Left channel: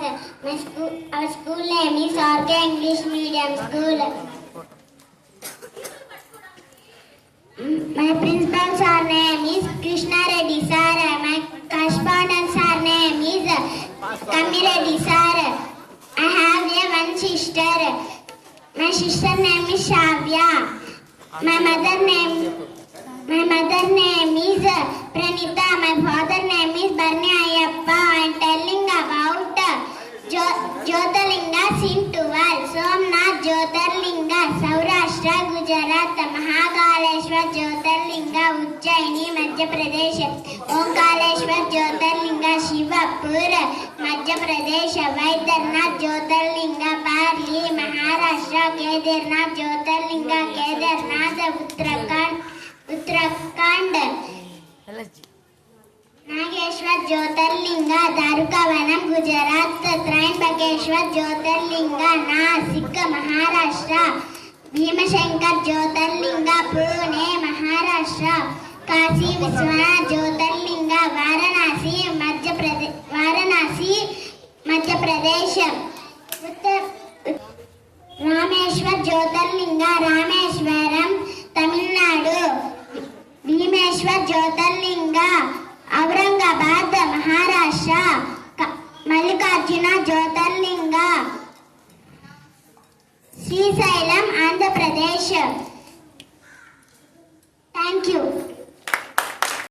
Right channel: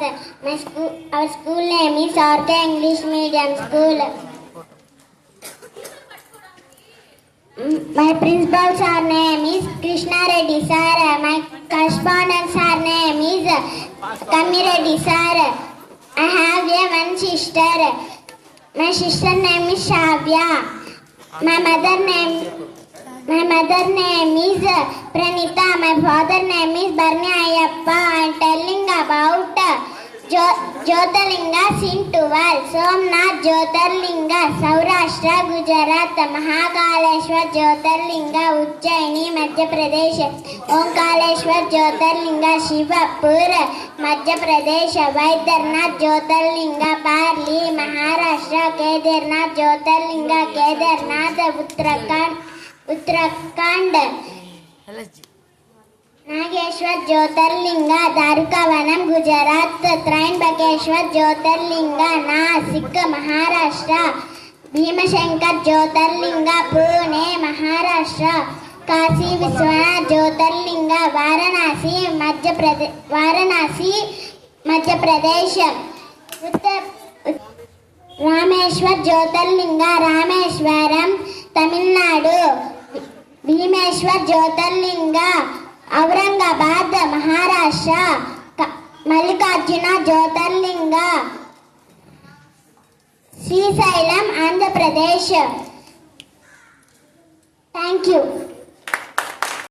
Our school name is RK English Medium School. My principal sir name is Krishna Reddy sir. My correspondent sir name is Kammi Reddy sir. I have one sister. My sister name is Shavya. My mother name is Pranita. My father name is Barni Ayappa. I am telling about Jyotirlingas in 12. Somnath Jyotirlinga, Saurashtra, Gujarat. Mahakaleshwar Jyotirlinga, Ujjaini, Madhya Pradesh. Omkareshwar Jyotirlinga, Shivapur, Madhya Pradesh. Vaidyanath Jyotirlinga, Parli, Maharashtra. Kedarnath Jyotirlinga, Kedarnath, Uttarakhand. Nageshwar Jyotirlinga, Dwarkavanam, Gujarat. Trimbakeshwar Jyotirlinga, Nasik, Maharashtra. Bhimashankar Jyotirlinga, Pune, Maharashtra. Kashi Vishwanath Jyotirlinga, Varanasi, Madhya Pradesh. Rameshwar Jyotirlinga, Rameshwaram, Tamil Nadu. Bhimeshwar Jyotirlinga, Aurangabad, Maharashtra. Mallikarjuna Jyotirlinga, Srisailam, Andhra Pradesh. Thank you.